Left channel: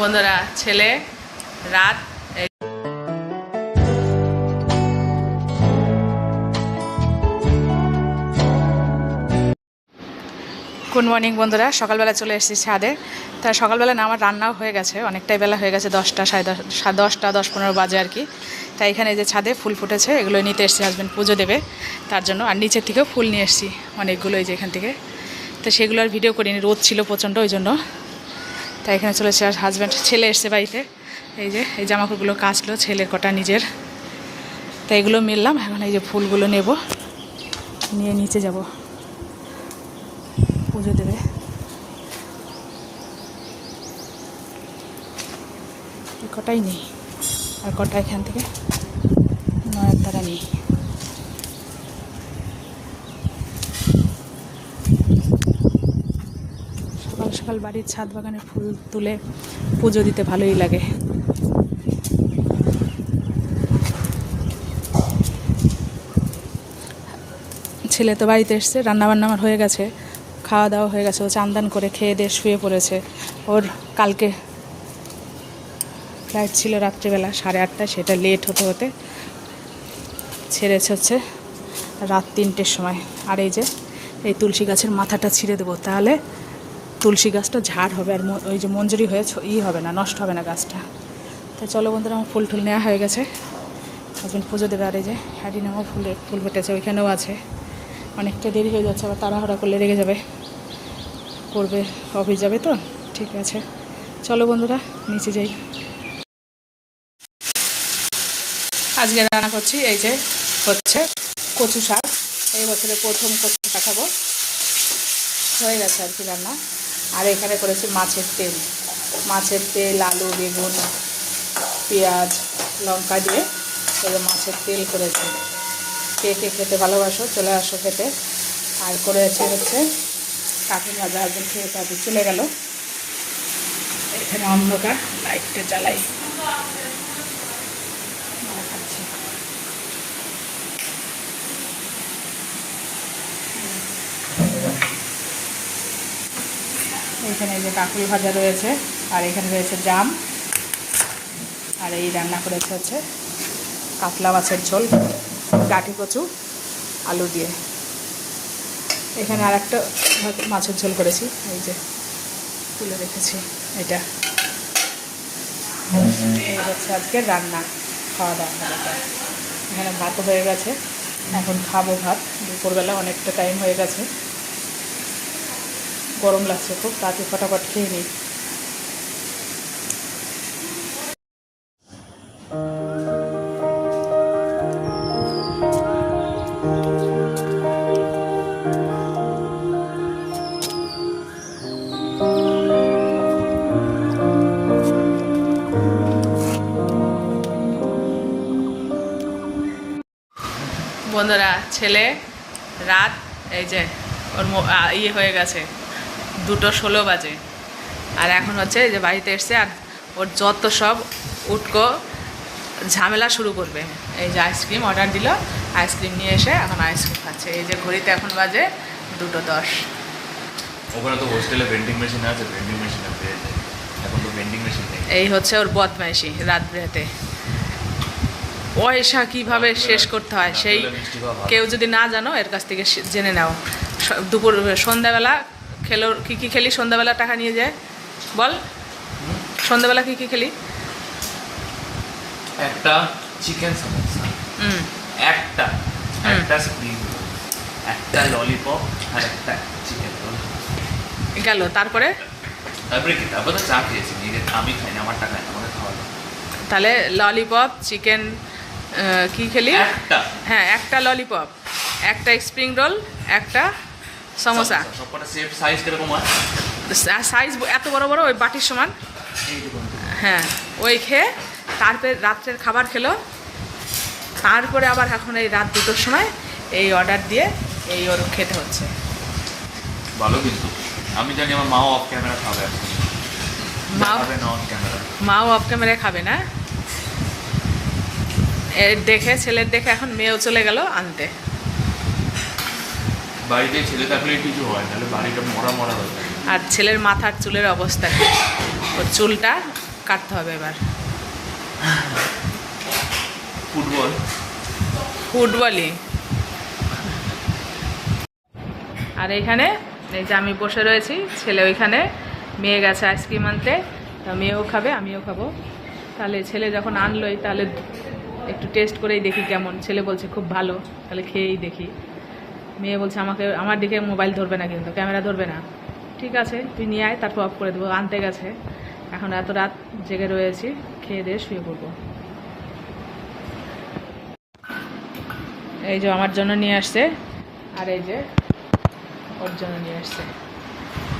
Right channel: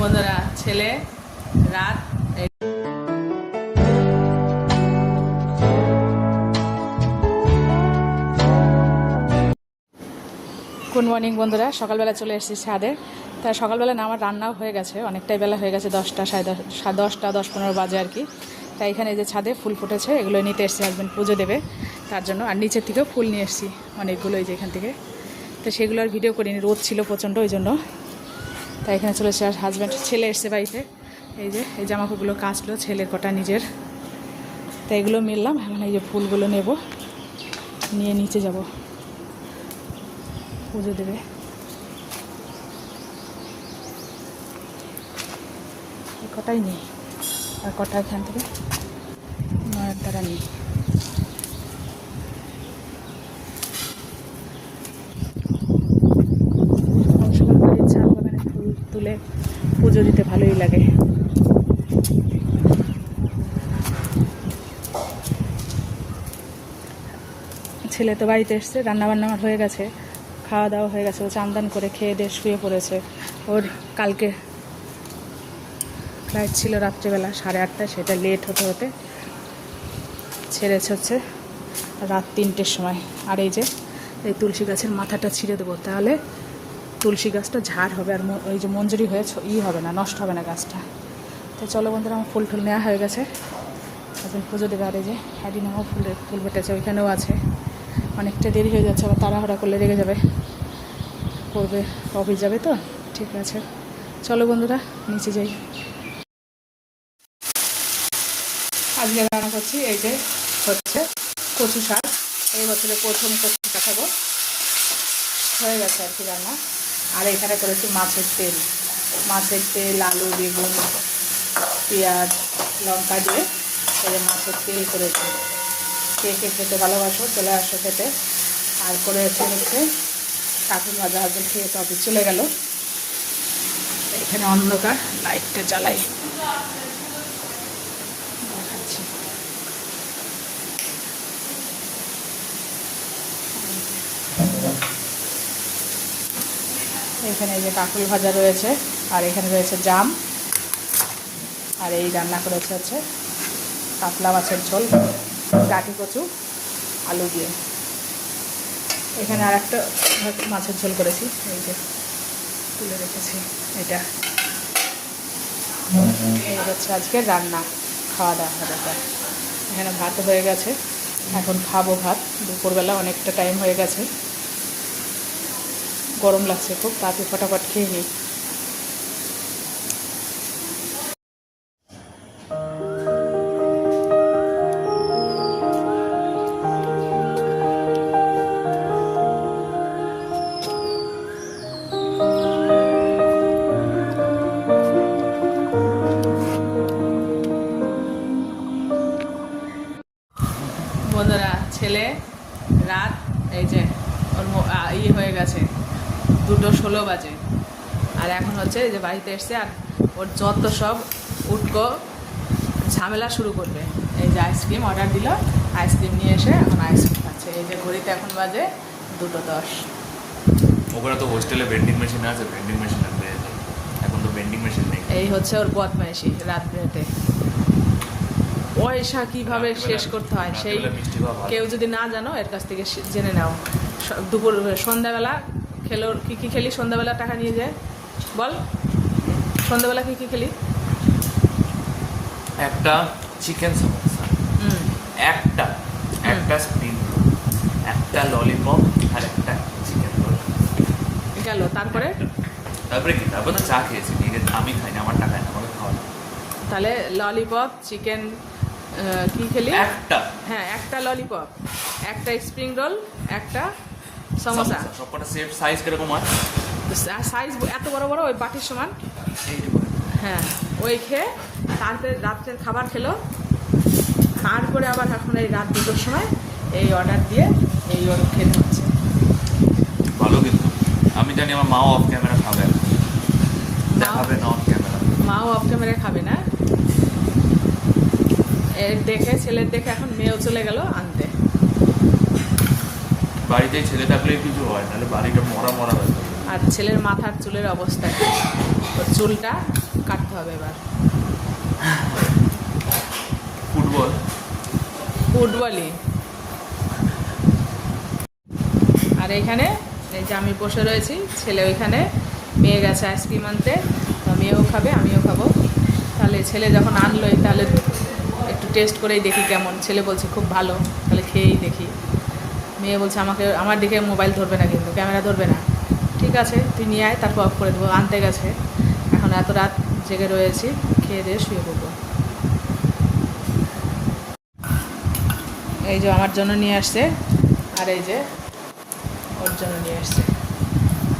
বন্ধুরা ছেলে রাত গুড মর্নিং বন্ধুরা, সকালবেলা চলে এসেছি ছাদে। তা সকালবেলা না আমার রান্নাও হয়ে গেছে, অনেকটাই বেলা হয়ে গেছে, 10টা সাড়ে 10টা 10-15 বাজে আর কি। তাই এখানে এই যে ছাদে ফুল ফুটেছে, এগুলো নিতে এসেছি, হাজব্যান্ড পুজো দেবে তার জন্য। আর নিচের থেকেও ফুল নিয়ে এসেছি অনেকগুলো, এই যে এখান থেকে। তো সেগুলো আর ভিডিও করিনি, রোদ ছিল প্রচণ্ড, ওই জন্য। তাই এখানে চলেছে। আর হাজব্যান্ড ছেলে এসছে বাড়িতে, এই জামাকাপড়গুলো কাচলো, ছেলের কটা নিজের। তাই এগুলো মিললাম, এখন এই যে ফুলগুলো নেব, নিয়ে নিচে যাব, পুজো দেবে। কটাই নেই, আর কটা এখান থেকে নয়ের দ্বারা নেই। সকাল সকাল বাড়ির ছাদ বাগানে ফুল তুলে পুজো দিতে ভালোই লাগে। ছেলে তো বাড়িতে এসছে, রান্নাবান্না আমার হয়ে গেছে, খাওয়া দাওয়া হয়ে গেছে। ও চান করে খেয়ে দিয়ে শুয়ে পড়েছে। ওর কালকে ফ্লাইট ছিল রাত্রিবেলা 8:30টায়, সেটা লেট হতে হতে ছেড়েছে হচ্ছে রাত 3টের সময়। আর এই তুলসী গাছের মাথাটা ছিঁড়ে দেবো, তাহলে তুলসী গাছটা ঝাড় হবে, আর ওই যে মঞ্জুরি হয়ে হবে না, নষ্ট হবে না গাছটা। তাই চলো বন্ধুরা, আমার ফুল টুল নেওয়া হয়ে গেছে, হাজবেন্ড পুজো দেবে। আর এই যে হ্যাডিনামও ফুল ফুটেছে, ওইখানেও আছে। অনেকটা দেরি হয়ে যাচ্ছে, আবার তাড়াহুড়া করলে রেগে যাবে, করবে, অফিস যাবে তো। ঠিক আছে চলো বন্ধুরা, নিচে যাই। আজকে রান্না করছি, এই যে হচ্ছে কচু শাক। এই বছরে প্রথম কচু শাক খাবো, হয়ে গেছে আর কি রান্না। আর এখানে করেছি মাছের তেল, আলু, বেগুন, পেঁয়াজ, লঙ্কা দিয়ে এই যে মাছের তেল করেছি। কে কে খেতে ভালোবাসো, চলে আসো খেতে। আর করেছে হচ্ছে কাঠুর ভাজা, হাজবেন্ড খেয়ে অফিস চলে গেল। এখানে অন্ধকার, লাইটটা জ্বালাই দেখাচ্ছি। এখানে এই যে কাকুল ভাজা রয়েছে, আর এখানে রয়েছে জাম। আর এই রান্না করেছে হচ্ছে কাতলা মাছের ঝোল, কাঠি কচু, আলু দিয়ে। এখানে আর একটা মাছের ঝোল করেছি, এই যে তুলে রেখেছি। এই হচ্ছে আজকের রান্না, খাওয়া দাওয়া হবে। এখানে ভাত হয়ে গেছে, এখন খাবো ভাত। দুপুরবেলা অনেকটা টাইম হয়ে গেছে, গরম লাগছে খুব, তাতে ফটাফট খেয়ে নিই। বন্ধুরা ছেলে রাত এই যে ওর হয়ে গেছে 2:16 বাজে। আর এখন হচ্ছে এই যে বাড়িতে এসছে, আর ওর যত সব উটকো ঝামেলা শুরু করবে। এই যে আইসক্রিম অর্ডার দিল, আইসক্রিম নিয়ে এসে এখন আইসক্রিম খাচ্ছে। এই যে ঘড়িতে এখন বাজে 2:10। ওখানে তো হোস্টেলে ভেন্ডিং মেশিন আছে, ভেন্ডিং মেশিন আছে, এখন তো ভেন্ডিং মেশিন নেই। এই হচ্ছে ওর বদমাইশি রাত বেরাতে। পয়সা কীভাবে শেষ করতে হয় সেই কেউ যদি না জানো, এর কাছ থেকে জেনে নাও। সন্ধ্যাবেলা খেলো, কী খেলি সন্ধ্যাবেলা, টাকা নিয়ে যায় বল, সন্ধ্যাবেলা কী খেলি? একটা চিকেন সমোসা, একটা স্প্রিং রোল, একটা ললিপপ, আর একটা চিকেন রোল গেল। তারপরে কি? তারপর তো চা খেয়েছি, আমি খাইনি, আমার টাকা আমাকে খাওয়ালো। তাহলে ললিপপ, চিকেন, কি খেলি? হ্যাঁ, একটা ললিপপ, একটা স্প্রিং রোল, একটা সমোসা। সবকটা সেট সাইজ কিরকম হয়? সাইজ এত বড় বড়, ওই বাটির সমান। হ্যাঁ, ওই খেয়ে তারপরে রাত্রের খাবার খেলো। তারপরে আবার এখন এই রাত 2টোর সময় এই অর্ডার দিয়ে এই ওর খেতে হচ্ছে। ভালো, কিন্তু আমি জানি আমার মাও অফ ক্যামেরা খাবে, মাও অফ ক্যামেরা খাবে না। এর দেখে, ছেলের দেখে এখন মেয়েও চলে গেল আনতে। বাড়িতে ছেলে থাকলে কিছু হয়, নাহলে বাড়িটা মরা হয়ে যায়। আর ছেলের মাথার চুলের অবস্থা কি, ওর চুলটা কাটতে হবে এবার। ফুটবলই। আর এইখানে এই যে আমি বসে রয়েছি, ছেলে ওইখানে, মেয়ে গেছে আইসক্রিম আনতে, তা মেয়েও খাবে আমিও খাবো। তাহলে ছেলে যখন আনলোই তাহলে একটু টেস্ট করেই দেখি কেমন। ছেলে বলছে খুব ভালো, তাহলে খেয়েই দেখি। মেয়ে বলছে আমাকে, আমার দিকে মোবাইল ধরবে না, কিন্তু ক্যামেরা ধরবে না। ঠিক আছে, তুই নিয়ে আয়, তারপর অফ করে দেবো। আনতে গেছে, এখন এত রাত জেগে রয়েছি, খেয়ে দিয়ে শুয়ে পড়বো। এই যে আমার জন্য নিয়ে আসছে, আর এই যে ওর জন্য নিয়ে আসছে।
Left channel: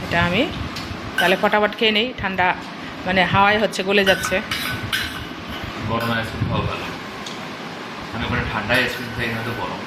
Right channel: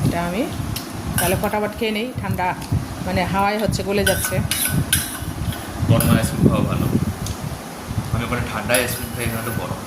এটা আমি তাহলে ফটাফট খেয়ে নেই, ঠান্ডা মানে হাওয়ায় হচ্ছে, গলে যাচ্ছে। গরম আইসক্রিম খাওয়া ভালো। আমি ওখানে ঠান্ডা আইসক্রিম খাই, না তো গরম।